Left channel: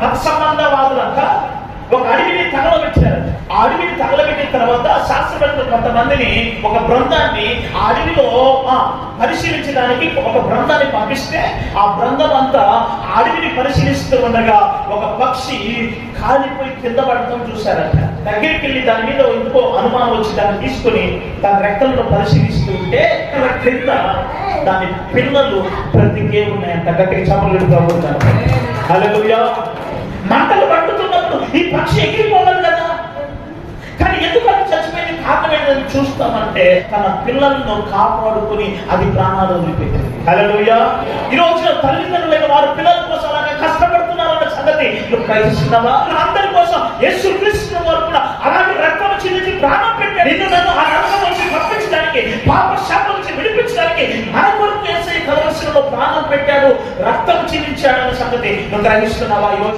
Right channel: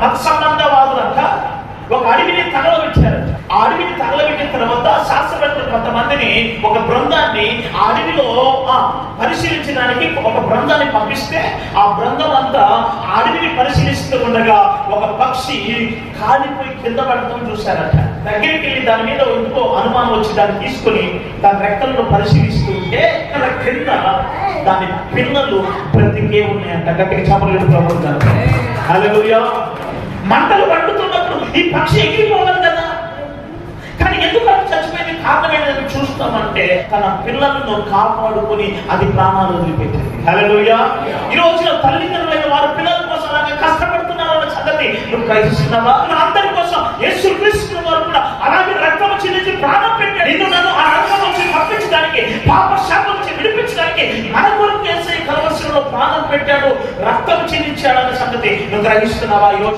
మత సంబంధవాదులంతా ఒక అడవిని తగలబెట్టారు. ఆ అడవిని తగలబెట్టిన తర్వాత శాస్త్రవేత్తలు కొంతమందిని, ఒక బృందాన్ని ఆ అడవిలో పరిశీలించడానికి ఒక బృందాన్ని పంపిస్తే, ఆ బృందం అంతా ఆ అడవిని పరిశీలిస్తూ ఉండగా ఒక పక్షి కాలిపోయి కింద పడటం చూశారట. దగ్గరికి వెళ్ళి దాని మీద ఎందుకో అనుమానం వచ్చి దాన్ని తీసుకుని దాని రెక్కలను పరిశీలిస్తూ ఉంటే కింద దాని పిల్లలు బ్రతికే ఉన్నాయంట. గట్టిగా చపలు ప్రభుత్వారు. హల్లెలూయా. మంటలు పడుతున్నప్పుడు ఈ పక్షి ఎగిరిపోవాలి కదా, కానీ ఎందుకు అది చచ్చిపోయింది? కారణం ఏంటని చూస్తామంటే తన పిల్లలను కాపాడుకుని అది ప్రాణాలు వదిలిపెట్టింది. హల్లెలూయా. ఈ రోజున తల్లిదండ్రులైన వారు పిల్లల కోసం అలాగే కష్టపడుతున్నారన్న సంగతి నువ్వు ప్రయత్నిస్తున్నావా? అందరి కోసం యేసుక్రీస్తు వారు కూడా అలాగే రక్తం చెల్లించి ప్రాణం పెట్టాడు. నిన్ను నన్ను ఆ రక్తం నుంచి పంపించడానికి, పాప శాపం నుంచి విడిపించడానికి మన కొరకు యేసయ్య కలవరలో ప్రాణం పెట్టాడు, రక్తం చెల్లించాడు అన్న సంగతి నువ్వు గ్రహిస్తున్నావా? ఈ రోజు